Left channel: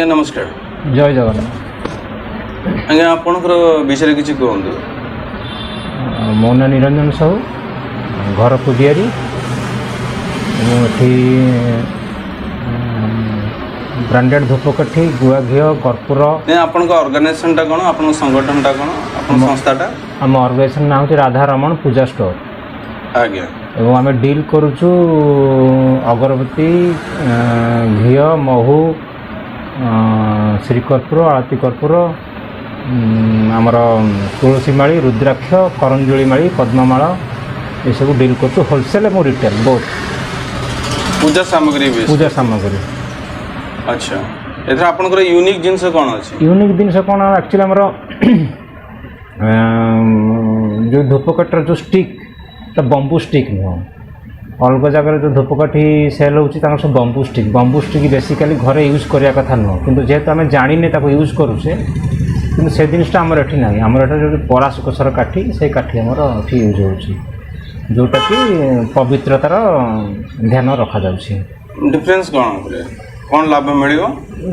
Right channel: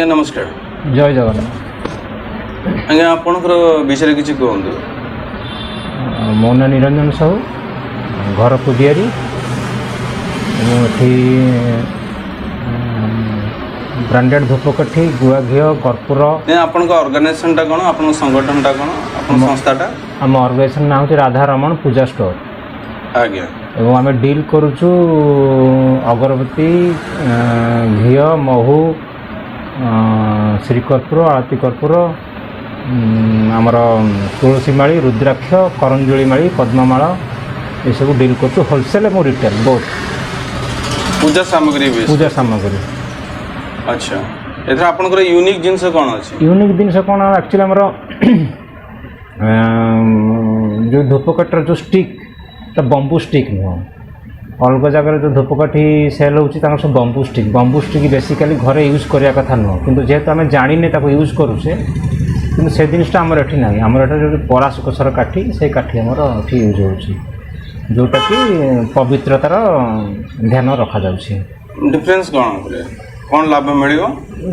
आज्ञा नमस्कार। जय जगन्नाथ। आज्ञा आपणकर विषय किसी कहतु। मो ना निरंजन साहू, घर पुजियारी। मुझे ब्रांडेड धूपकाठी गुआ घी कर्पूर। आपण ऑर्गेनाइजेशन टा कौन, आपण संगठन टा कौन, आपण संस्था टा? आम ऑर्गेनाइजेशन ना हूँ राधा रमण पूजा स्टोर। आज्ञा एवं आम डील करुचु अगरबत्ती, घी, महू, श्रीकर्पूर, आरती कर्पूर, आमर तुलसी माली, रुद्राक्ष, करंजुली माली, पद्ममाला ये सब डील करुचु होलसेल और रिटेल बोथ। पूजा सामग्री भी? पूजा सामग्री। अच्छा, एथरा आपनकर यूनिक जिंस कोन अछि? यूनिक जिनस कोन एक्चुअली हमर जो धूपकाठर जो स्टिक तो बंबू स्टिक नुह। अलग जगह जो धूपकाठी सेल होची सब बंबू स्टिक बेसिकली घरे यूज करिया कथा नुह, किंतु जेहेतु आम जानिने ताको यूज करूचे किंतु से जिनटा आमर एठी नाही। आमर एठी जो पराशुकसर काठी से काठी आमर एठी यूज होची, जोटा कि पवित्रतार ध्यान रखा जाउची। डिफरेंस कौन लाभ मिलियो?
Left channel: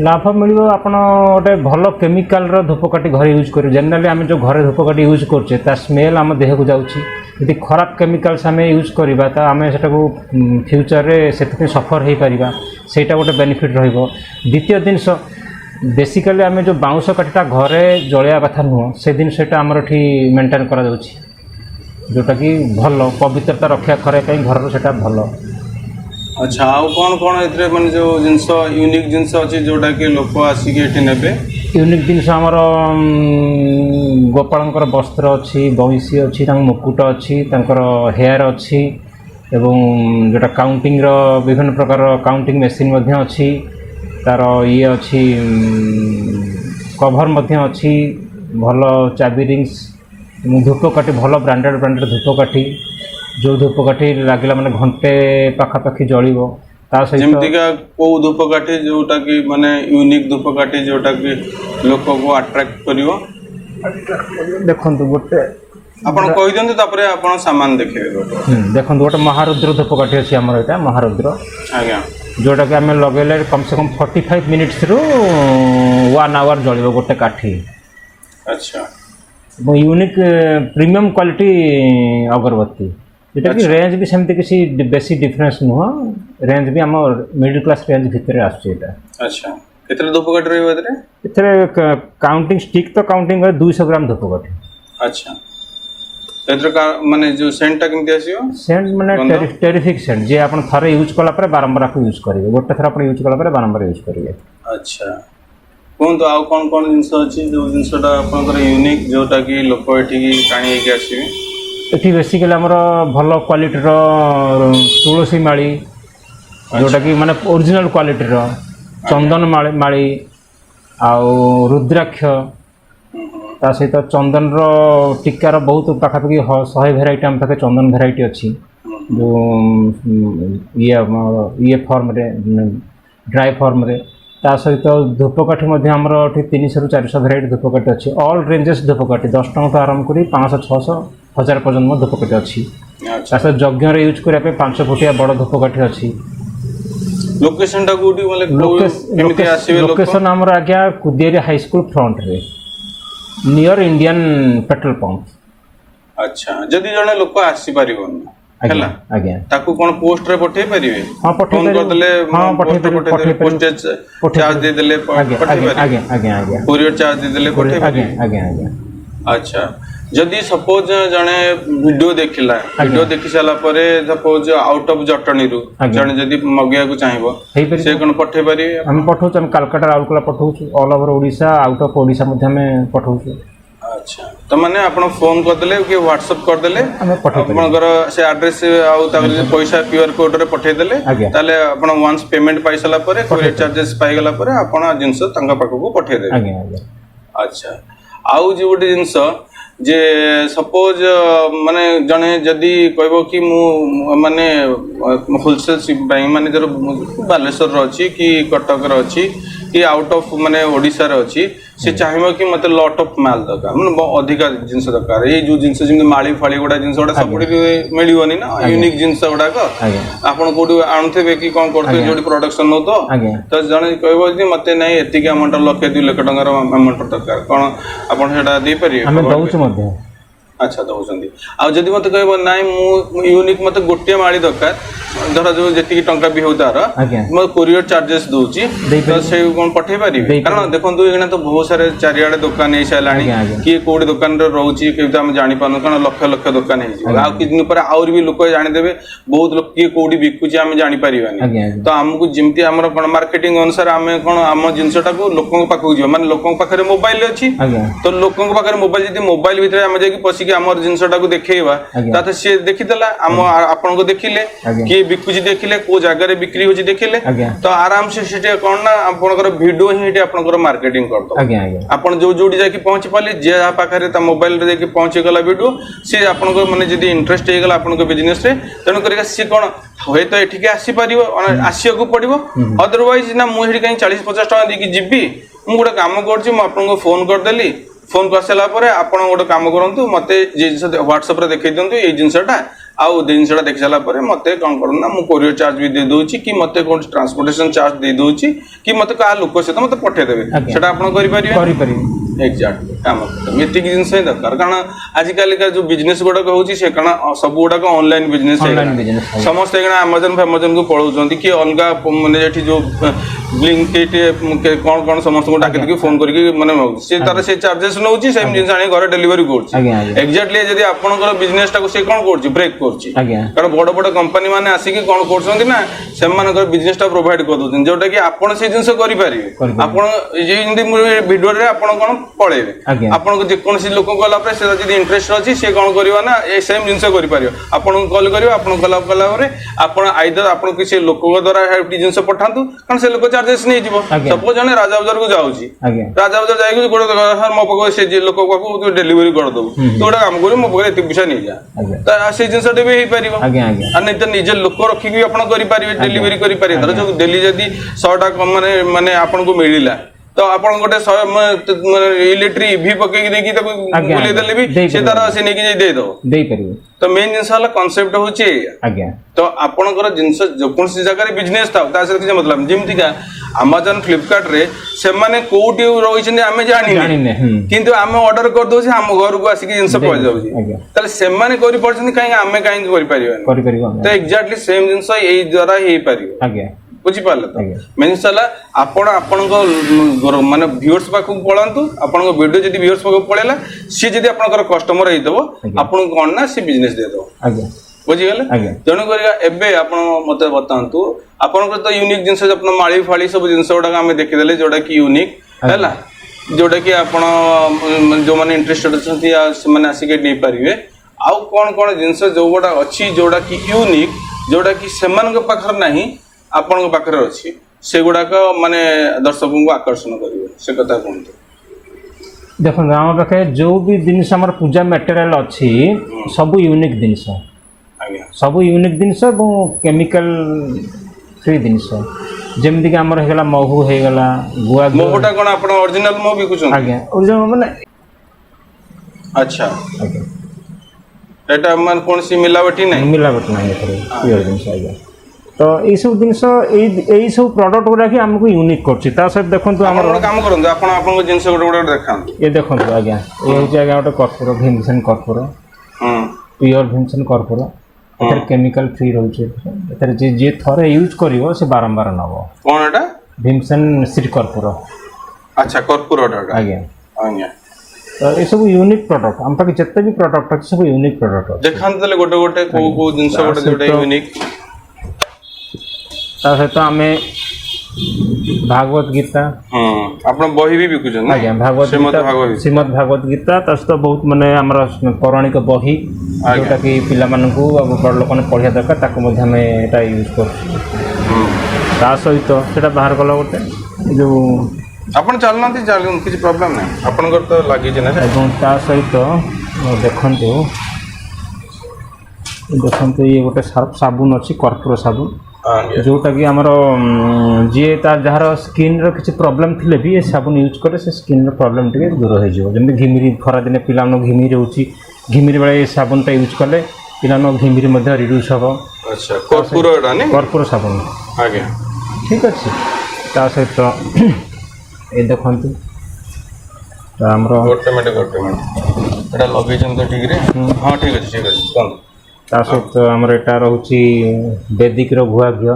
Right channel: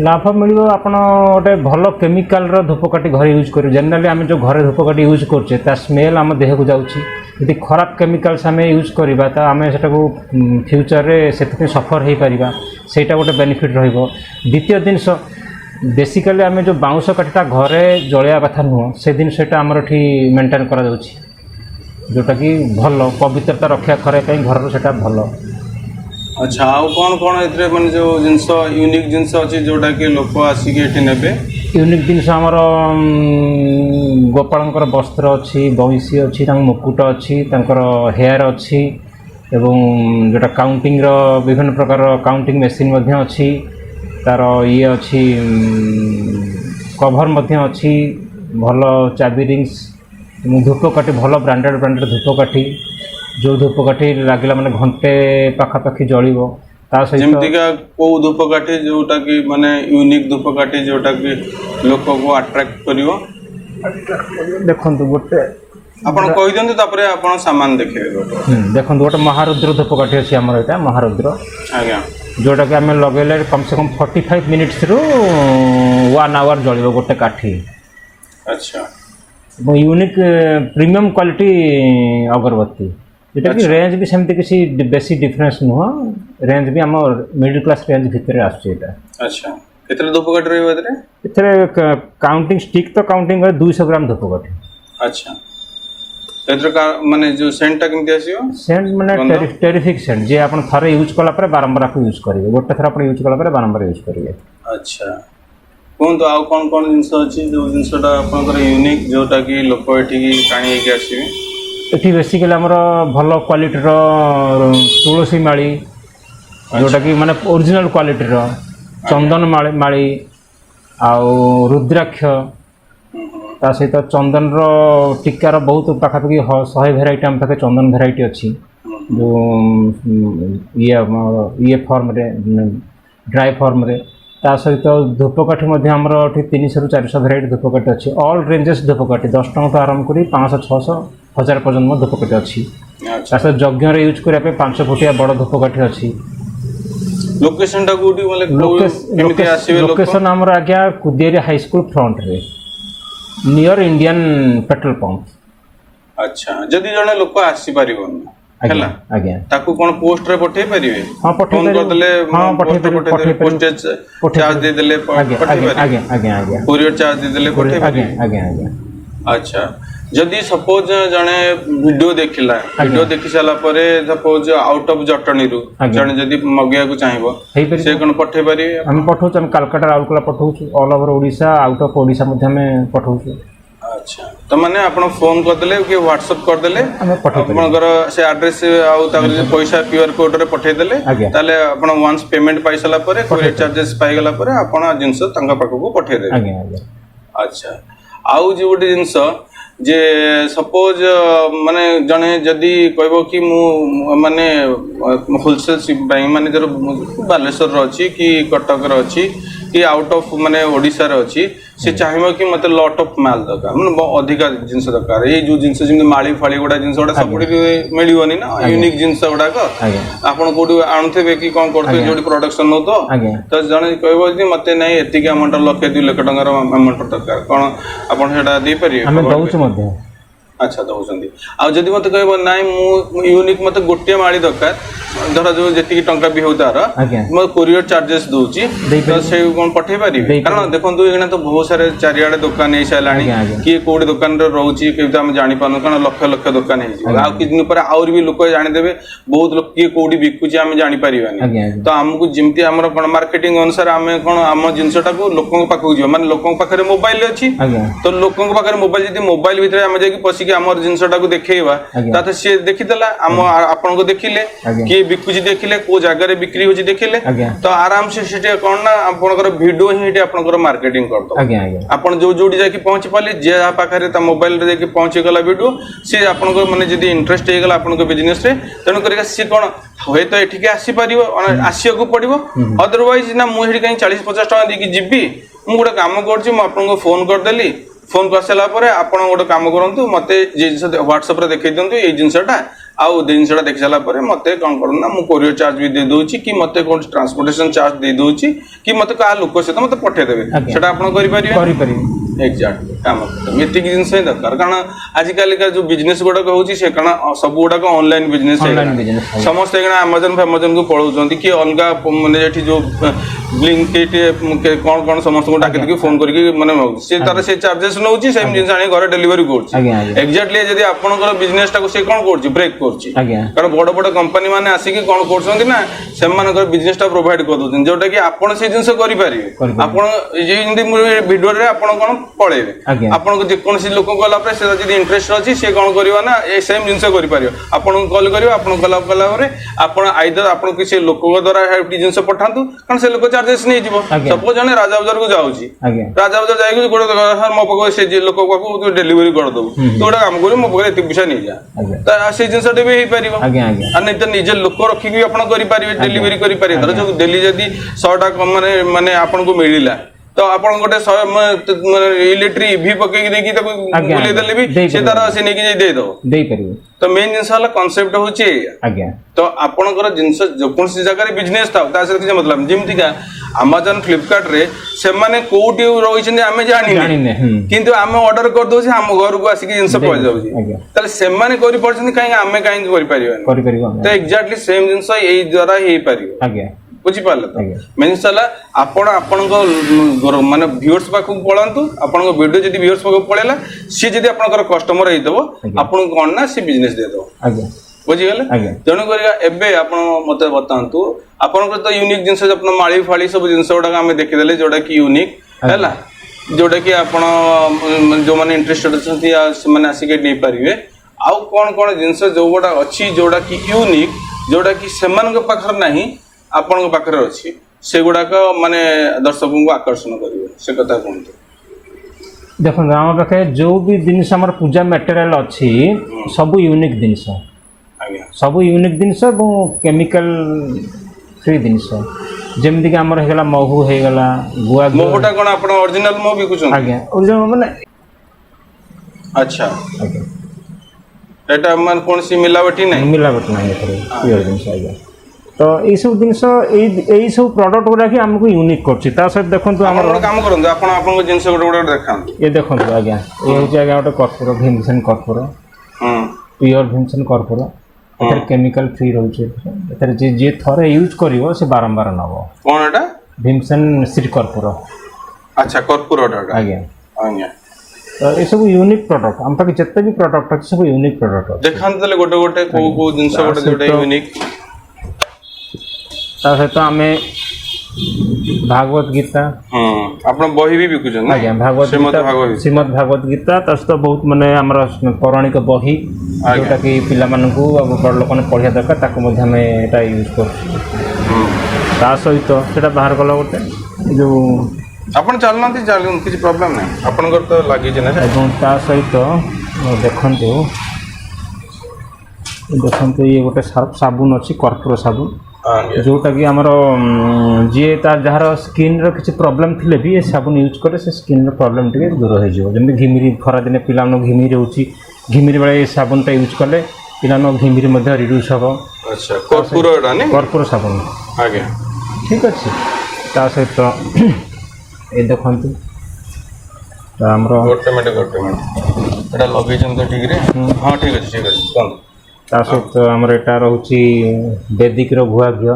लाभ मिलियो आपण गोटे भल केमिकाल रो धूपकाठी घरे यूज करू। जनरली आम जो घरे धूपकाठी यूज करछे ता स्मेल आम देह को जाउची। यदि खराब केमिकाल्स आम यूज करवा तो आम से फ्यूचर रे से सफर हो पारिबा, सेटा गोटे बेनिफिट रहबो। द्वितीय जिनस बेसिकली आम जो बाउंश काठीटा घरे जलिया कथा नुह, से जिनसटा आमर एठी मेंटेन करा जाउची, जोटा कि भल पवित्रता रक्षा करे पई घर सेटा भल। अच्छा, आउ कौन एथरे माने जो जिंस यूनिक जिंस अछि जोटा कि लोक आसिक एठी नेबे? यूनिक जिनस आमर गोपालंकर वस्त्र अच्छी, बंशी अच्छी, मुकुट अच्छी, हेयर अच्छी, एवं जोटा काउंटिंग रो विभिन्न प्रकार काउंटिंग मशीन मध्य अच्छी, तार ये अच्छी कभर मध्य अच्छी, भल चाबी रिंग्स, धूपकाठी भल ब्रांडेड धूपकाठी, जो धूपकाठी लगे मैंने घंटे पाखापाखि जलिब। जेमतिका को धूपकाठी जोटा कि माने यूनिक धूपकाठी जोटा कि लोक को अट्रैक्ट करिवो। देखो गोटे आपण कहि दंतु तापरे आपण सामान देखिबे। देखो गोटे महारुद्र धूपकाठी अछि हमर एटा महारुद्र। आज्ञा जोटा कि आम लगेले कम से कम 45 मिनिट्स रु 1 आवर जलिब गोटे काठी। अच्छा, यूनिक प्रीमियम क्वालिटी अगरबत्ती। एटा कि रेंज भी सेमती किसी बेसी डिफरेंस नुह, रेंज भी हम मिडिल क्लास रेंज भितर आछे एटा। अच्छा, केतले धूपकाठी रहबे एतरे? एतरे काउंटिंग स्टिक तो काउंटिंग 200 ग्राम धूपकाठी। अच्छा, एतरे का माने जो सेंट टा केमती आसीयो? सेंट माने टेरिफिक सेंट जे आपण थरे यूज कला पर बारंबार आपन यूज करिवे, गोटे थरा आपण यूज कला पर बारंबार यूज करिवे। अच्छा, कोन तो आउ कोन जिंस अछि जो जिंसटा आपनकर यूनिक जोटा कि लोक एठी टाणी के आसीबे? एठी बेसिकली हमर भल क्वालिटी रो तुलसी माली, जोटा कि माने ओरिजिनल क्वालिटी रो चंदन माली आउ रुद्राक्ष, ता सहित चंदन रो टिक्कार बहुत पाखापाखि 100 भेराइटी आम पाखे चंदन भेराइटी अच्छी, जो ये फॉर्म रे ड्राई फॉर्म रे। ता सहित धूपकाठी मध्य आमर 300 रु 400 भेराइटी धूपकाठी अच्छी। ऑल रेंजेस धूपकाठी 10 टଙ୍କା तो आरंभ करी 500, 600, 1000 पर्यंत धूपकाठी अच्छी। ता सहित यज्ञ रे यूज करे 500 फुटिया बड़ धूपकाठी अच्छी। लोकेशन टा कोठी बोले केमिति आसीबे? लोकेशन हमर आज्ञा कुदियारी हाई स्कूल फ्रंट रे नियर इंडियन पेट्रोल पंप। अच्छा, जदि जने लोक आसी परिबन हला आज्ञा ताकू कोन पोस्ट रे पठे परिबे? हां पठे फोन कर देले, हां पठे परिबे, पोस्टेज चार्ज दे देले पठे परिबे। आज्ञा कोरियर चार्ज दे देले पठे परिबे। आज्ञा। अच्छा, जदि सपोज जने वीडियो देखिला, वीडियो देखि साला परे सपोज आउट ऑफ जटनी रु जने जदि मगिया को चाहबो से कोन पठे परिबे? हम पठौ हम कलकत्ता राउरकेला पठौ छु, all over Odisha, out of Odisha मध्ये में पठौ छु। अच्छा, तो माने अपन फोन कर देले के व्हाट्सएप कर देले आपनकर से एड्रेस आउ ताकि पैसा क्यूआर कोड रे पठे देले, ताले आपण वंस पेमेंट पाइ साला परे कोरियर चार्जेस पाइ गला परे आपण जिंस तंगा पाखो को पठे देले। आज्ञा। अच्छा, आउ जे गोटे जिंस जे सपोज माने जने जदि कहबो कि मु माने होलसेल शिप माने जर बालेश्वर रो अछि कि कटक रो अछि कि आउट ऑफ माने ओडिसा रे अछि से चाहिबो कि मते लॉट ऑफ माल दरकार माने अधिका जिंस दरकार ए जो जिंस जिन माली फाली गुडा जिंस गुडा सब मिलियोनी ना यूनिक जिंस गुडा को आपण कोडी आणुथबे कि कोन करथे जोडी प्रोडक्शन नो तो जने कहबो कि मते नै एतिके अमाउंट लाख 2 लाख टंकार अमाउंट दरकार कोन आपण हेडा दे परिए हम दउछ मध्ये अच्छा दउछंदी आ जदी मते कहबो नाइ मु यूनिक मते गोटे माली दरकार धर जो जेतिकी टंका भी होतार म कोरियर चार्जेस दोची तो से कोन पठे पारी कारण देखंतु एना तो बहुत सारे चारियाडे दुकान हे सलाणी कि कोडी दुकान रो रहउची कि हम जानि पानो कारण लक्ष लक्ष दुकान हे जी आ कि दिन पर और भी लोक जानि देबे बहुत लोक कि कोडी बिकुची हम जानि परिबानी तो हमकु जिंती हमर कोन मार्केटिंग अनुसार हम कोन हम जिंसटा को लोकन पाखु जो माने लोकन पाखरे मोबाइल अछि तो लोकन पाखरे मोबाइल जदी मोबाइल भितरे हम जाई कि पसी कि हमर जिंसटा को देखैबा ताते से देखिदला हम आपन को देखिले कि बिकुची देखिले को जगह रे बिक्री होची देखिले तो आराम से सेटे कोन ना आपनकर वीडियो ही एटे आपनकर मार्केटिंग करतो आपन जो जोडी जाई कि पहुंच पाली जे पाखरे त मोबाइल रे जाई कि पहुंच गला वीडियो से आपनकर माने जदी इंटरेस्ट हे गला आपनकर बिजनेस रे तण करिका सी कोन होय तो एठी के आसी परिबो आसिया को पड़िबो अदरवाइज ना मु हेडी कहीं 40-50 टका दी कि जिबी मु गोटे काम करछि मु आपनको फोन कर देली फोन कर सला परे आपण गोटे काम करंतु मते जे जिंस WhatsApp रे देखै दियंतु ए जिंसटा आउ जिंसटा देखि सला परे मते कोन करन ना मु कोरियर चार्ज भी दे दोछि कि मते कोन ट्रांसपोर्टेशन चार्ज दे दोछि कि मते का लोक से मते पठे देबे सेटा आपण करि परिबे एक्जेक्टली काम मिति की जिंस है दरकार कारण आज काल का जो बिजनेस गोडा होउची से कारण सब गोडा को ऑनलाइन बिजनेस है समस्त एगना अमेज़न को पळौचंती कि अनगा माने जेठी जो ब्लिंकिट कोन कोन समस्त को डाके फोन करके माने से तार से चार्जेस नउची सेम जिंस आनी घर डिलीवरी करछि एक्जेक्टली जदी आपनकर बिजनेस टा को से कोन करछि ब्रेक करछि कारण बड़ बड़ कंपनी माने आसी कि कोन करछंती ना से मानकर बिजनेस टा प्रोवाइड कर दोछन जोटा कि आपन से जिंस करि परिबे आपन जे हिंदी वीडियो रे आपन कोन पळेबे आपन को जे कोन से लोक कला पर से जदी इंटरेस्ट अछि से कोन करियो ना ए सेम जिंस करि परियो आपन कॉल करियो आपन कला रे आपन आइदर आपन किसी लोक द्वारा हेटी जिंस पठांतु कारण से लोक चार्जेस नहीं जीवो सपोज जने राजा बाजार को जाउची राजा बाजार जाई कि गोटे सर मो पको से जे लोक पाखु तू डिलीवरी कर दबो तो गोटे काम करियो मो पको एते पैसा नहीं जा त से जिंस भी हे परिबो आ नहीं त निजे लोक रखी कि आपन करि परिबे डिलीवरी करि परिबे धर जो डेली जदी 100 टा कम माने आपन को मिलिला तो आपन गोटे इलेक्ट्रिक ईवी पके कि देखि त देले भी से तारा से नेकी दे दो परिबे तो मेन जिंस वाला कांसेप्ट होची तो आपनकर जिंस जो कोनसी जगह रे बिजनेस था तासे कि मतलब जेमति का Amazon Flipkart रे से माने कोठी रहिछन हमें जानि किंतु हमें ऑर्डर कर दो से हम घर को आसी जिंस पहुंच जाउची त से माने करि परछन काहे हमें काहे करि परिबो तो एक्जेक्टली सेम जिंस एई द्वारा हे परिबो बुझी पाले तो मेनसला आपण आपन माने व्यूअर्स पाखु पळंतु आपन वीडियो जदी व्यूअर्स पाखु पळेला सी जदी आपनकर कस्टमर हे दबो आपन कोन ना सी बिजनेस दे दो बुझी गले तेणु करिया एबे आपण मते बतांतु आपन तो यूनिक जिंस अपन माळी फाळी सब जिंस उडा हम देखि देले जोडा कि यूनिक हैला जोडा कि आपण जो माने इंटरेस्टेड छथि से माने आसी के नै परिवे आउ कोन कोन जिंस जो गोडा अछि जोडा कि यूनिक जोडा कि समान के पाखर नाही आपन के पाखर अछि से गुडा को माने दर्शकों को आकर्षण करिवे से कथा कोन देखो हम पाखे जो भी जिनिस हमर पूजा मटेरियल अछि सब यूनिक जिनिस सब यूनिक जिनिस केमिकल फ्री जिनिस जेमति कि हमर हेगला महू हेगला गुआ मोटा कोन आपण ओरिजिनल मो भी कुछ आज्ञा ओरिजिनल माने अच्छा एटा मन कोन सी मिलावटी नहीं प्योर जिनिस आज्ञा तो ए सब जिनिस ए सब प्रोडक्ट गुडा कि हमको यूनिक करछि ता सब देखंतु हमर काम करंतु आपण आपन जिनिस गोटे देखान ये देखंतु आज्ञा ए होछि आज्ञा गोटे कर्पूर भीमसेन कर्पूर प्योर भीमसेन कर्पूर एतर केमिकल फ्री रहउछि एतर जे थरे यूज करिवो से बारंबार नबो कोन एटा भीमसेन श्री कर्पूर अच्छा कर्पूर एटा आज्ञा आज्ञा तो ए सब यूनिक प्रोडक्ट हम तक जत्ते भी प्रोडक्ट अछि सब यूनिक प्रोडक्ट देखान तले गोटे गोटे को जिंस गोटे जोटे यूनिक ता सहित हमें भागवत गीता आपण बही भी बिकुछन आज्ञा भागवत श्रीमद् भागवत गीता तस तो बहुत माने हमरा पौराणिक बही जोटा कि पिला माने को अब बड़ लोक ने पढे दरकार ताको मध्ये में एटा यूज कर ता सहित सेटा बाहर गलो गोटे जो आपण चलनांती चालून किछ प्रॉब्लम नै आपण कर तो लागि जे ना एवं ता सहित देखंतु ये गोटे सर्फ साबुन अछि कर्पूर साबुन जोटा कि आमर जी जार स्किन किसी प्रॉब्लम थिले भी ये साबुन यूज करे से स्किन प्रॉब्लम टे दूर हो जमी घिमिरी खरा दिन पिला घिमिरी रोचे घिमिरी बेले साबुनटा यूज कले पिला घिमिरी रिड्यूस हम। अच्छा कर्पूर साबुन आज्ञा ठीक अच्छे ता सहित ये देखते आमर ता सहित आमर एटा रोचे वैदिक गुआ घी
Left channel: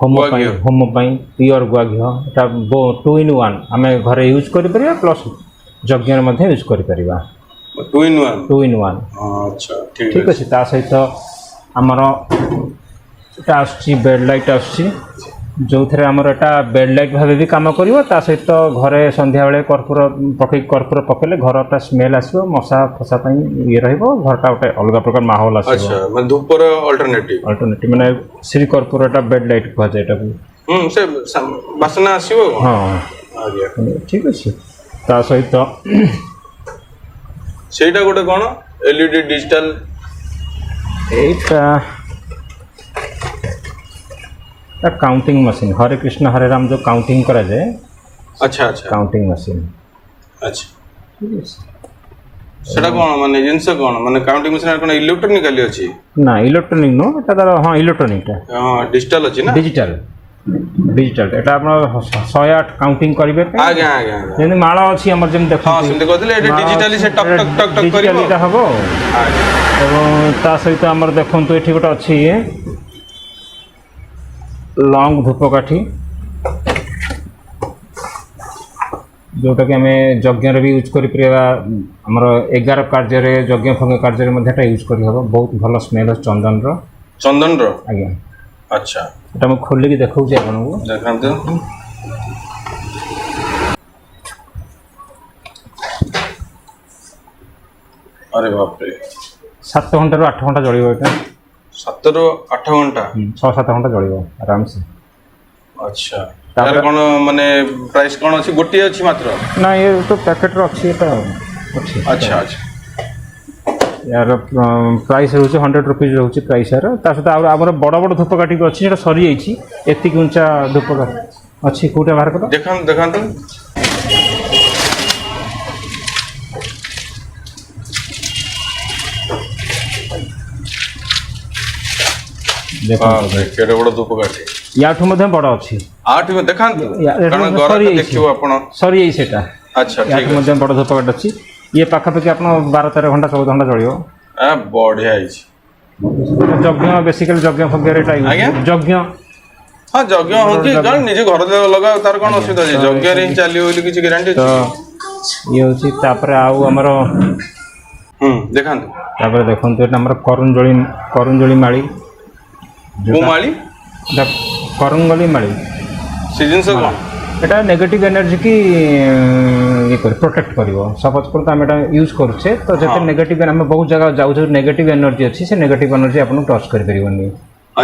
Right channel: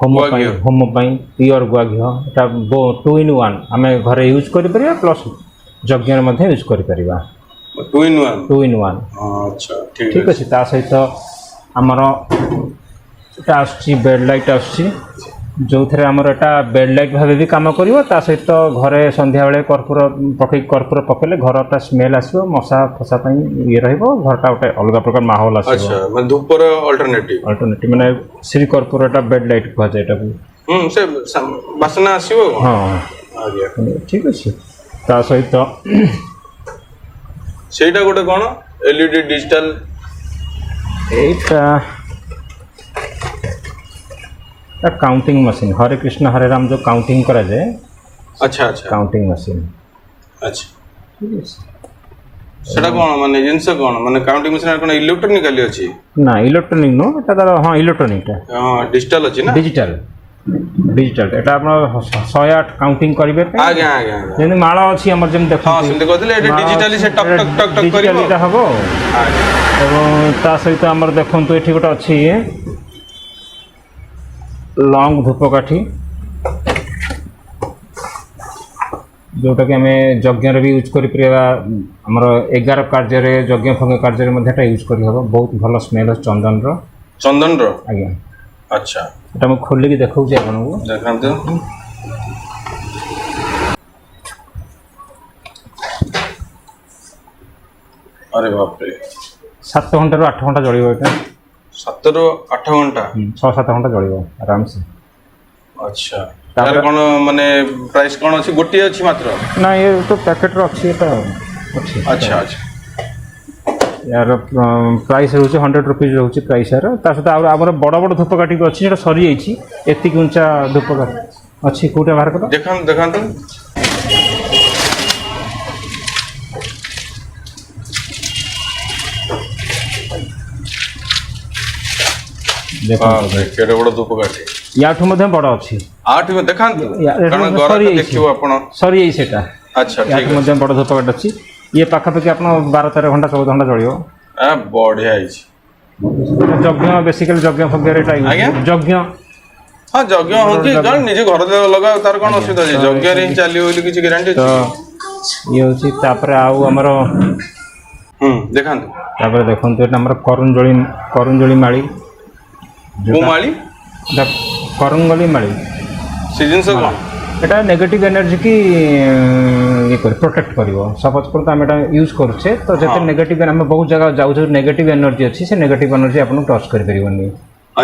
होम प्योर गुआ घी एटा 2 in 1 आम घरे यूज कर प्लस यज्ञ यूज कर 2 in 1 2 in 1 अच्छा ठीक अच्छे ता सहित आमर एटा बेड लाइट आसची जो थे आमर एटा बेड लाइट भाव भी कम कर सहित घरे संध्या बेले कर्पूर पकेले घर स्मेल आसो मशा फसा ये घरटा गोटे अलग प्रकार माहौल आस धूपर अल्टरनेटिव माने श्री कर्पूर बेड लाइट कह से बासना आसीबो ठीक अच्छे ता सहित सेटा गोटे कोन एलईडी डिजिटल एटा काउंटिंग मशीन हरे कृष्ण हरे राम जो काउंटिंग करा जाए अच्छा अच्छा काउंटिंग मशीन अच्छा सेटा कोन माने जिंस कोन माने काउंटिंग मशीन कोन इलेक्ट्रॉनिकली अछि ना इलेक्ट्रॉनिक नो एटा तो हां इलेक्ट्रॉनिक डिजिटल अछि ना डिजिटल एटा आपण 108 काउंटिंग करिवे आज्ञा आज्ञा जेने माळा अछि हमर जेम देखो हां सेमते कहथिले एटा डिजिटली से टक टक टक टक करिवो एटा हबो एवं ता सहित हमर देखंतु एठी गोटे अछि लॉन्ग धूपकाठी जोटा कि आम यज्ञ भी यूज करमर 11 कार्य यज्ञ फज्ञ कार्य यूज कर बहुत भल स्मेल चंदन आज्ञा अच्छा एटा मैं खोलिक देखा आपको देखते अरे बाप रे 7 घंटा 8 घंटा जल्द 7 ରୁ 8 घंटा 6-7 घंटा जल्द आराम से अच्छा यार कोन माने प्राइस कोन अछि गोटी अछि मात्र ना ये तो पैकेट रो अछि तो अच्छा अच्छा यार प्राइस रोचे 100 रुपीज रोचे प्राइस यार ता सहित आमर बड़ बड़ धूपकाठी अच्छी जेटा सरी जाइए एतिक उंचा धूपकाठी अच्छी कोटा बाहर कर देखते केडे बड़ धूपकाठी याठू मध्ये बड़ अछि आठ में देखंतु कारण घर तो देखियो आपण सरी जाई सेटा अच्छा ठीक याठू मध्ये बड़ धूपकाठी अछि ये पाखापाखि आपण 12-13 घंटा 14 घंटा जळियो आ बढ़िया अछि यज्ञ बेसिकली यज्ञ फज्ञ टाइम यज्ञ हां यज्ञ होची गाल निजे घर लगा तार कोन असुविधा अछि यज्ञ रे चाली होली किछि ग्यारंटी अछि ये होची तापर आउ हमर देखंतु तापर देखंतु एटा हमर करुंजळी माळी को माळी करंगली माळी सीजन से कोन एटा नेगेटिव एनर्जी की ये कर प्रोटेक्ट करिवो सपोज कर हम एटा यूज करछे तो जते नेगेटिव हम बहुत जगह जाउ जो नेगेटिव एनर्जी अछि से नेगेटिव एनर्जी आपन टच कर परिबनी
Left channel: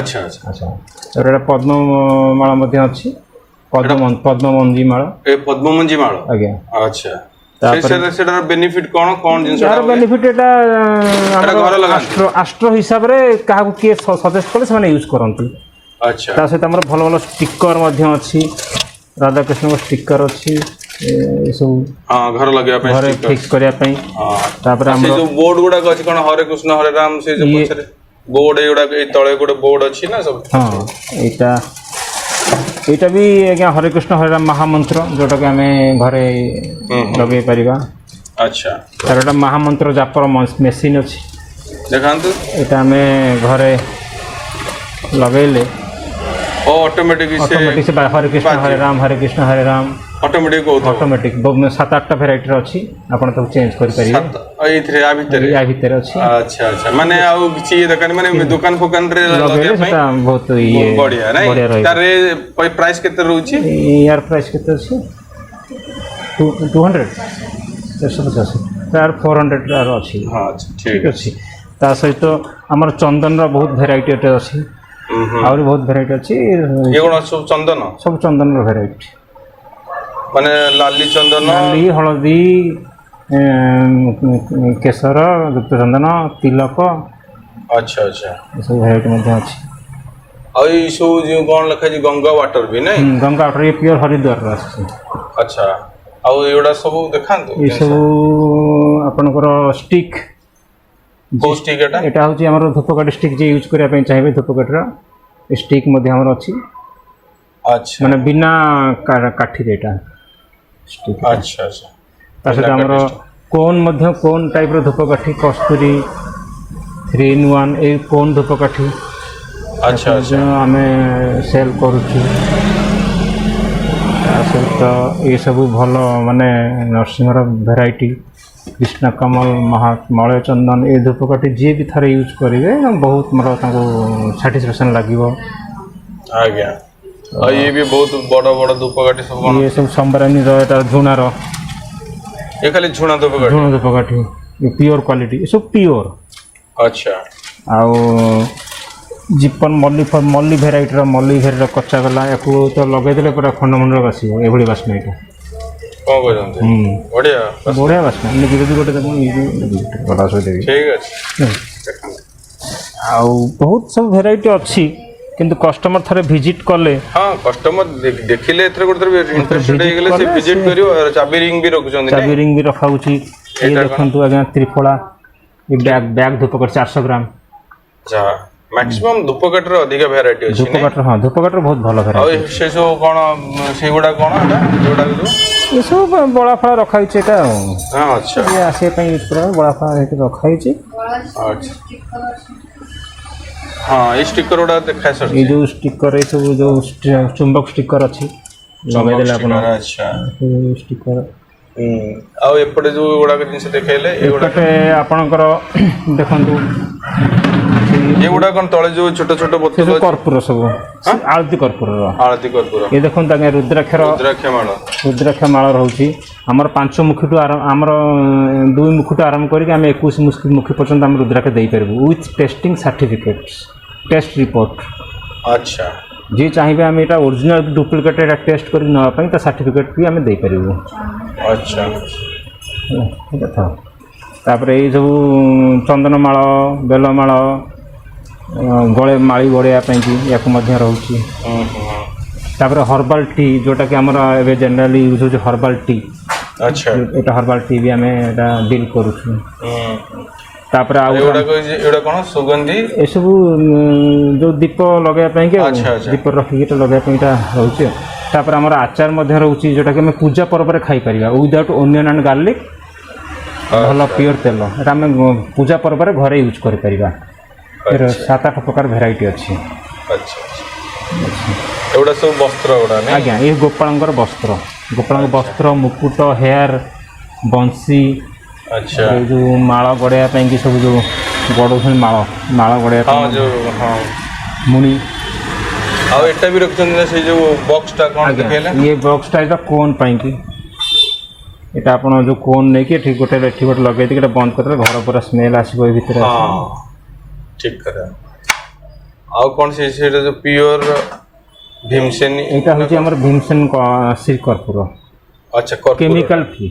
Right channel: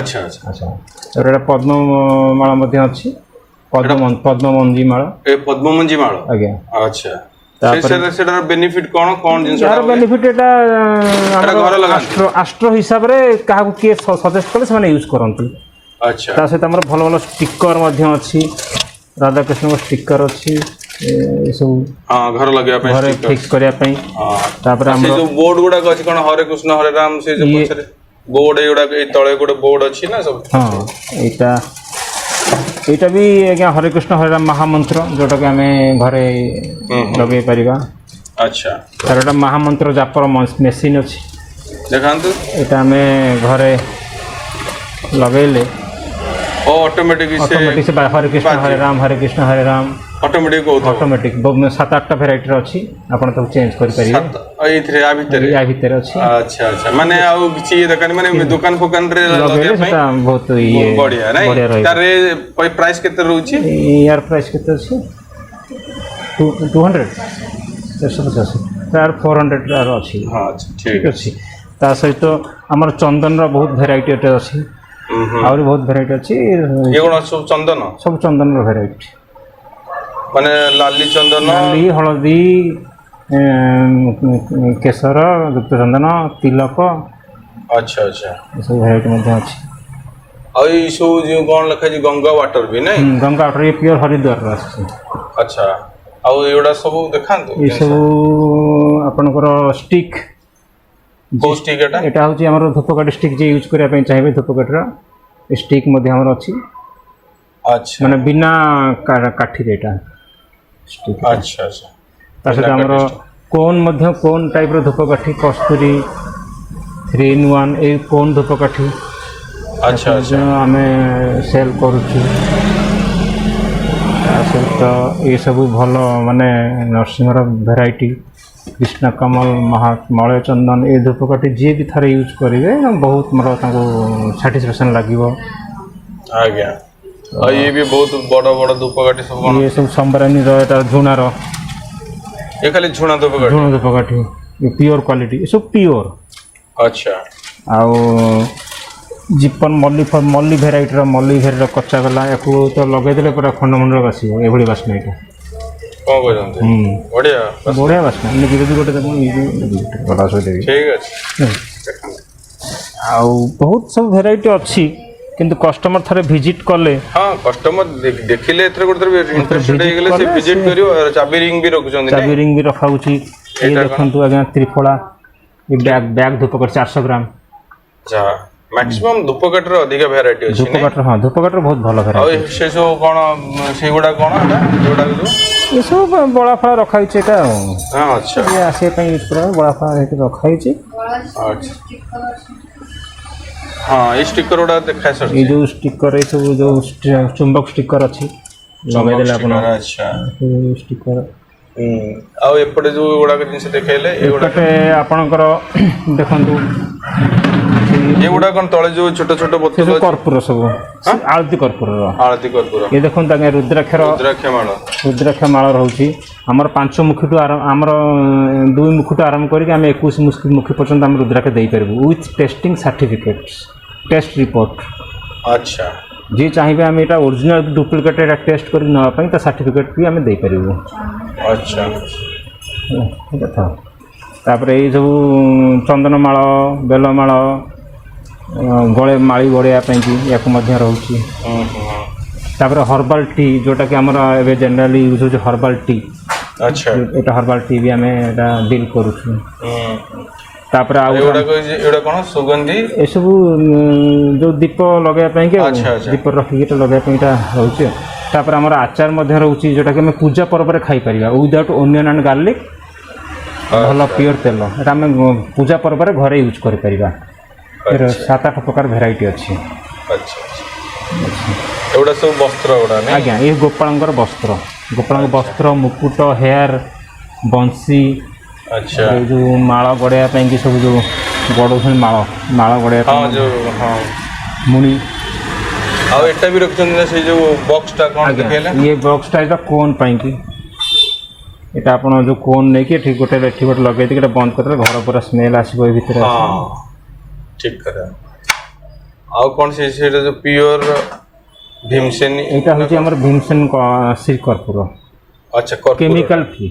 अच्छा अच्छा अच्छा तर एटा पद्म माळा मध्ये अछि पद्म मंजी माळा ए पद्म मंजी माळा आज्ञा अच्छा सेटार बेनिफिट कोन जिंस यार बेनिफिट एटा हमर आस्ट्रो हिसाब रे काहा के सजेस्ट करे से यूज करंतु अच्छा ता सहित हमर भल भल स्टिकर मध्ये अछि राधा कृष्ण को स्टिकर अछि ए सब हां घर लगे पे घर फिक्स करिया पई हां तापर हम जो बोर्ड गुडा अछि कोन हरे कृष्ण हरे राम से जो पछरे बोर्ड एगुडा ए तळे गुडा बोर्ड अछि ना सब हां एटा भी आज्ञा हरे कृष्ण हरे राम महामंत्र जोटा कि हमें घरे लगे परिबा अच्छा और एटा महामंत्र जापर मशीन अछि देखंतु एटा हमें घरे लगेले ऑटोमेटिक से हरे कृष्ण हरे राम ऑटोमेटिक बहुत 7-8 वैरायटी अछि आपण तो चेंज कर परिबे एथरे आ भीतर अछि अच्छा अच्छा माने आ ची दुकान माने दुकान रे लगे पई बहुत ये बढ़िया नहीं तारे प्राइस केते रहउची यार प्राइस केते अछि 200 यार 400 यार अछि हां ठीक अछि ता सहित हमर चंदन रो बहुत वैरायटी अछि और बहुत वैरायटी अछि ये कोन सब चंदन रो वैरायटी माने लाली चंदन लाली हळदी केसर गुप्त चंदन तिलक अच्छा अच्छा सब वैरायटी मध्ये अछि ଆଉ ଏଇ ସବୁ ଯେଉଁ କ'ଣ ଲେଖା ହେଇଛି ଗଙ୍ଗା ୱାଟର ବି ନାଇଁ? ଗଙ୍ଗା ୱାଟର ଇଏ ପିଓର ହରିଦ୍ୱାରର ଆସୁଛି। ଆଚ୍ଛା ଆଉ ଏଗୁଡ଼ା ସବୁ ଦେଖାନ୍ତୁ। ଏସବୁ ଆପଣଙ୍କର ଷ୍ଟିକ୍। କୋଉ ଷ୍ଟିକ୍ ଏଟା? ଏଟା ହେଉଛି ଆମର ଧୂପକାଠି ଷ୍ଟିକ୍ ଯିଏ ୟୁଜ୍ କରିବା ପାଇଁ ଚାହିଁବେ ଧୂପକାଠିର ଷ୍ଟିକ୍ ମଧ୍ୟ ଆମର ଅଛି। ଆଚ୍ଛା ମାନେ ବିନା କାଠିରେ ଏଟା ଷ୍ଟିକ୍। ଆଚ୍ଛା ଆଚ୍ଛା ତା ସହିତ ଆମର କୋନ୍ ମଧ୍ୟ କୋନ୍ ଟାଇପ୍ର ଧୂପକାଠି କସ୍ତୁରୀ 3-in-1 ଏଇ କୋନ୍ ଧୂପକାଠି ଆଚ୍ଛା ଆଚ୍ଛା ଆମେ ସେଲ୍ କରୁଛୁ। ତା ସହିତ ଏସବୁ ଭଲ ମାନେ ନରସିଂହର ଭେରାଇଟି କୃଷ୍ଣ କମଲ ମଳୟ ଚନ୍ଦନ ଏ ଧୂପକାଠି ଯିଏ ବି ଥରେ ୟୁଜ୍ କରିବେ ବହୁତ ମୋର ତାଙ୍କୁ ସାଟିସ୍ଫ୍ୟାକ୍ସନ୍ ଲାଗିବ। ଆଜ୍ଞା ଆଉ ଇଏ ବି ବହୁତ ବଡ଼ ବଡ଼ ଧୂପକାଠି ସବୁ କ'ଣ? ଇଏ ସବୁ ସମ୍ବରାନୀର ଏଟା ଝୁଣାର ଏ ଖାଲି ଝୁଣା ଧୂପକାଠି? ଧୂପକାଠି ପିଓର କ୍ୱାଲିଟି ଏସବୁ ପିଓର। ଆଚ୍ଛା ଆଉ ଜିପନ୍ ମଲ୍ଲି ଭେରାଇଟିର କଚା ଗଲା ୟାକୁ ତ ଲଗେଇଦେଲେ ପୁରା ଖଣ୍ଡମଣ୍ଡଳ ବାସିବ ଏଭଳି ବାସ୍ନା ଏଇଟା। କ'ଣ କହୁଛନ୍ତି? ବଢ଼ିଆ ବଢ଼ିଆ ବାସ୍ନା ଯଦି ଗୋଟେ ଦେବ ଦେବି। ଠିକ୍ ଅଛି। ଆଉ ବହୁତ ସବୁ ଭେରାଇଟି ଅଛି କିନ୍ତୁ କଷ୍ଟମର ଥରେ ଭିଜିଟ୍ କଲେ ହଁ କଷ୍ଟମର ଦେଖିଲେ ଏଥିରେ ଗୋଟେ ଭିଜିଟ୍ କରିବ। ଚାବି ରିଙ୍ଗ ବି ରଖୁଛନ୍ତି? ଚାବି ରିଙ୍ଗ ବି ରଖାଯାଇଛି। ଦେଖନ୍ତୁ ଆଜ୍ଞା ତ୍ରିଫଳା ବ୍ୟାଗ୍ ଧୂପକାଠି 400 ଗ୍ରାମ। ଆଚ୍ଛା ମ୍ୟାକ୍ସିମମ୍ ଧୂପକାଠିର ଅଧିକ ଭେରାଇଟି ଅଛି? ଧୂପକାଠିର ହଁ ଧୂପକାଠିର ବହୁତ ଭଲ ଭେରାଇଟି। ଆଉ ସେ ସବୁ କ'ଣ ସେଗୁଡ଼ା କ'ଣ ଏସବୁ ବଳ ଫଳ ରଖାଯାଇଛି ଏଇଟା ଆସିବା ପାଇଁ ରଖାଯାଇଛି। ଆଚ୍ଛା ହଁ ଏଇ ଷ୍ଟିକର ଗୁଡ଼ା ଦେଖା ଏଇ ଯେଉଁ ଷ୍ଟିକର ଏଇ ସବୁ ଯେଉଁ ଚୁମ୍ବକ ଷ୍ଟିକର ଅଛି ଲଗାଇଦେଲେ ଆପଣ। ଆଚ୍ଛା ଷ୍ଟିକର ଆଉ ଏପଟେ ଯେଉଁ ଗୁଡ଼ାକ ଜିନିଷ ଦେଖେଇଲେ ଏଗୁଡ଼ାକ ଆପଣଙ୍କର ଦେଖନ୍ତୁ ଏଗୁଡ଼ା କ'ଣ ତଳେ ଯେଉଁ ଛୋଟ ଛୋଟ ବୋତଲ କର୍ପୂର ସବୁ ଆଳତି କର୍ପୂର ଆଳତି କର୍ପୂର ଏ ଦେଖନ୍ତୁ ଆଜ୍ଞା ରୁଦ୍ରାକ୍ଷ ମାଳ ରହୁଛି ଆମର 5 ମୁଖଠୁ ଆମର 2 ମୁଖଠୁ ଆରମ୍ଭ କରିକି ଆମେ 21 ମୁଖୀ ପର୍ଯ୍ୟନ୍ତ ଆମେ ରୁଦ୍ରାକ୍ଷ ଦେଇପାରିବୁ with testing certificate test report. ଆଚ୍ଛା ଯିଏ ଚାହିଁବେ ଆମେ ଏଇଟା ଓରିଜିନାଲ ଡୁପ୍ଲିକେଟ୍ ଟେଷ୍ଟ କରି ନେବା ପାଇଁ ତ ସାର୍ଟିଫିକେଟ୍ ବି ଆମେ ଦେଇପାରିବୁ। ଆଚ୍ଛା କଥା ତାପରେ ଏଇ ସବୁ ଚନ୍ଦନମାଳ ବେଲମାଳ ମାଳି ଗଳେଇବା ପାଇଁକି ୟାକୁ ମଧ୍ୟ ରହୁଛି। ତାପରେ ହର୍ବାଲ ଟି ଯେଉଁଟାକି ଆମର ଏବେ ଜେନେରାଲି ୟୁଜ୍ ହେଉଛି ହର୍ବାଲ ଟି। ଆଚ୍ଛା ଏଇଟା ହର୍ବାଲ ଟି ବି ଆମେ ଏଇଟା ଡିଲ୍ କରୁଛୁ। ତାପରେ ଆଉ ଏଗୁଡ଼ା କ'ଣ ସୁଗନ୍ଧି ଏସବୁ ଯେଉଁ ଦୀପ ଲଗାଇବା ପାଇଁକି ଦୀପ ରଖିକି ଏଇଟା ଲଗାଇବା ପାଇଁ ଏଇଟା ରହୁଛି। ତାପରେ ଆମର ଆଚାର ମଧ୍ୟ ରହୁଛି ଯେଉଁଟାକି ଆମେ ପୂଜା ପର୍ବରେ ଖାଇପାରିବା ୱିଦାଉଟ୍ ଓନିଅନ୍ ଆଣ୍ଡ ଗାର୍ଲିକ୍ ଭଲ ପିଓର ତେଲ ଏଇଟା ଆମେ ପୂଜା ପର୍ବରେ ଘରେ ୟୁଜ୍ କରିପାରିବା। 7-8 ପ୍ରକାର ଭେରାଇଟି ଅଛି। ଏଗୁଡ଼ା ସବୁ ବସ୍ତ୍ର ଗୁଡ଼ା ଆଜ୍ଞା ଇଏ ଗୋପାଳଙ୍କର ବସ୍ତ୍ର ମୁକୁଟ ହେୟାର ବଂଶୀ। ଆଚ୍ଛା ଏଇ ଯେଉଁ ମାଳ ଗଡ଼େଇବା ପାଇଁକି ସବୁ ଯେଉଁ ଗଡ଼ଉଛନ୍ତି ମାଳ ଗଡ଼େଇବା ପାଇଁ ମୁଣି। ଆଉ ଏଟା ବି ରଖୁଛନ୍ତି ନା ସେଇ ଯେଉଁ ବକ୍ସଟା କ'ଣ ଇଏ ବକ୍ସଟା ଏଇଟା କୋନ୍ ପାଇଁକି ଏଇଟା ଆପଣ ଯେଉଁ କୋନ୍ ନେଇକି ଏଠି ଗୋଟେ ଲଗେଇକି ଏଇଟା କୋନ୍ କରିଲେ ଭିତରୁ ପୁରା ସ୍ମେଲ୍ ଆସିବ ଏ ଭିତରେ। ଠିକ୍ କଥା। ଆଉ କ'ଣ ସେଇଟା ଯେଉଁ ପିଓର ଭୀମସେନୀ ଏଇଟା ହେଉଛି ଆମର ଭୀମସେନ ଶ୍ରୀ କର୍ପୂର। ଆଚ୍ଛା କେମିକାଲ ଫ୍ରି।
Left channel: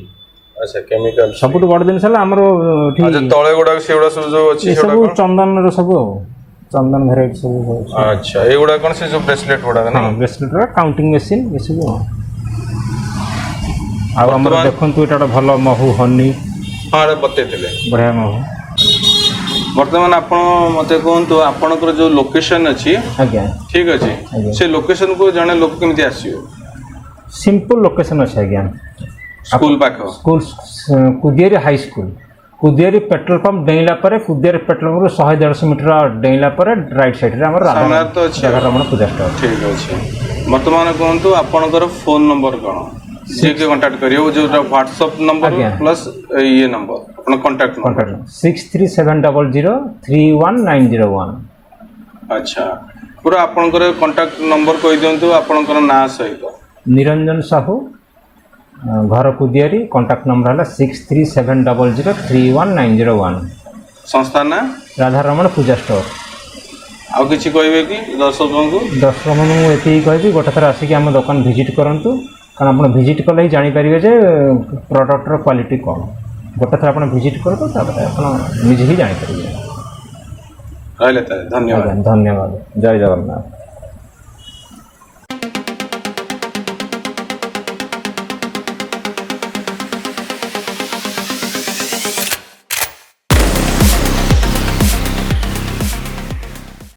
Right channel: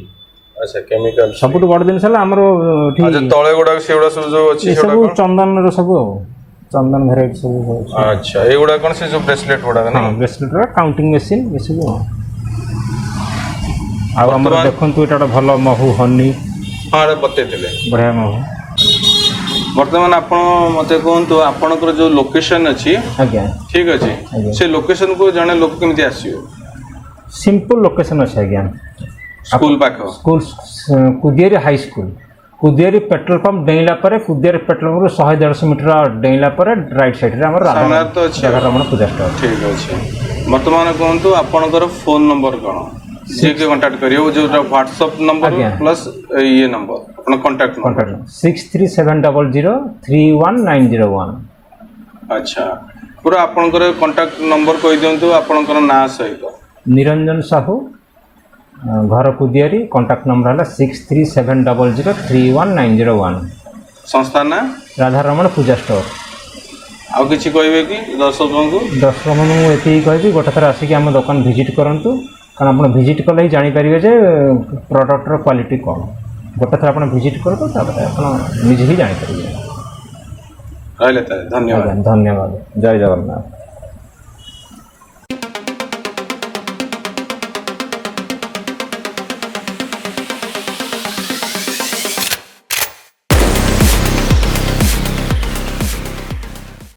ଆଚ୍ଛା କେମିକାଲ ସବୁଠୁ ବଡ଼ ଜିନିଷ ହେଲା ଆମର ତଳେ ଗୁଡ଼ାକ ସେଗୁଡ଼ା ସବୁ ଯେଉଁ ଅଛି ସବୁ ଚନ୍ଦନର ସବୁ ଆଉ ଚନ୍ଦନ ଭେରାଇଟି ସବୁ ଅଛି। ଆଚ୍ଛା ଏଗୁଡ଼ା କ'ଣ ସେ ଯେଉଁ ବ୍ରେସଲେଟ୍ ଗୁଡ଼ାକ? ହଁ ବ୍ରେସଲେଟ୍ର କାଉଣ୍ଟିଂ ମେସିନ୍ ଏସବୁ ଆଉ ଆମର ଦେଖନ୍ତୁ ଏଇଟା ଗୋଟେ ଭଲ ମହୁ ହନି ବତେଇଥିଲେ ବଢ଼ିଆ ମହୁ। ବର୍ତ୍ତମାନ ଆପଣ ମୋତେ କୁହନ୍ତୁ ଆପଣଙ୍କର ଯେଉଁ ଲୋକେସନ୍ ଅଛି ଆଜ୍ଞା ଠିକ୍ ଅଛି ସେ ଲୋକେସନ୍କୁ ଜଣେ ଲୋକ କେମିତି ଆସିବ? ସିମ୍ପଲ୍ ଲୋକେସନ୍ ଅଛି ଆଜ୍ଞା ସ୍କୁଲ ପାଖ Kudiari high school Kudiari petrol pump ଡେଇଁଲା ପରେ କୁଦିଆରୀ ପେଟ୍ରୋଲ ପମ୍ପରୁ 100-150 ମିଟର ଡେଇଁଲା ପରେ ରାଇଟ୍ ସାଇଡ଼୍ରେ ଆମର ଜାଗାରେ ଆମର ପୂଜା ସ୍ଥଳ। ଠିକ୍ ଅଛି ବର୍ତ୍ତମାନ କୁହନ୍ତୁ ଆପଣଙ୍କର ଫୋନ୍ ନମ୍ବର କ'ଣ ସେଇଠି କଣ୍ଟାକ୍ଟ କରିବ ଯେଉଁଟା ହ୍ୱାଟ୍ସଆପ୍ ନମ୍ବର ପ୍ଲସ୍ ଇଏ ନମ୍ବର ଆପଣ କଣ୍ଟାକ୍ଟ 6370031901। ଆଚ୍ଛା ପୁରା ଆପଣଙ୍କର କଣ୍ଟାକ୍ଟ ନମ୍ବର କହିଦିଅନ୍ତୁ ଆପଣଙ୍କର ନାଁ ସହିତ। ନିରଞ୍ଜନ ସାହୁ ଘର କୁଦିଆରୀ କଣ୍ଟାକ୍ଟ ନମ୍ବର ହେଲା 6370031901। ସଂସ୍ଥା ନାଁ ରାଧାରମଣ ପୂଜା ଷ୍ଟୋର। ଆଉ କିଛି କହିବେ କି ଦର୍ଶକଙ୍କୁ? ମୁଁ ଏତିକି କହିବି ଗୋଟେ ଥର ଆସିକି ଆମ ଦୋକାନ ଭିଜିଟ୍ କରନ୍ତୁ କାରଣ ଆପଣ ଭିଜିଟ୍ କଲେ ହିଁ ଜାଣିପାରିବେ ଯେ ପ୍ରଡ଼କ୍ଟର କ୍ୱାଲିଟି କ'ଣ। ଗୋଟେ ଥର ଆପଣ ଭିଜିଟ୍ କରନ୍ତୁ ତାପରେ ଆପଣ ନିଜେ ହିଁ ଜାଣିପାରିବେ। ରହିଲେ ତାହେଲେ ଧନ୍ୟବାଦ। ଧନ୍ୟବାଦ ଜୟ ଜଗନ୍ନାଥ।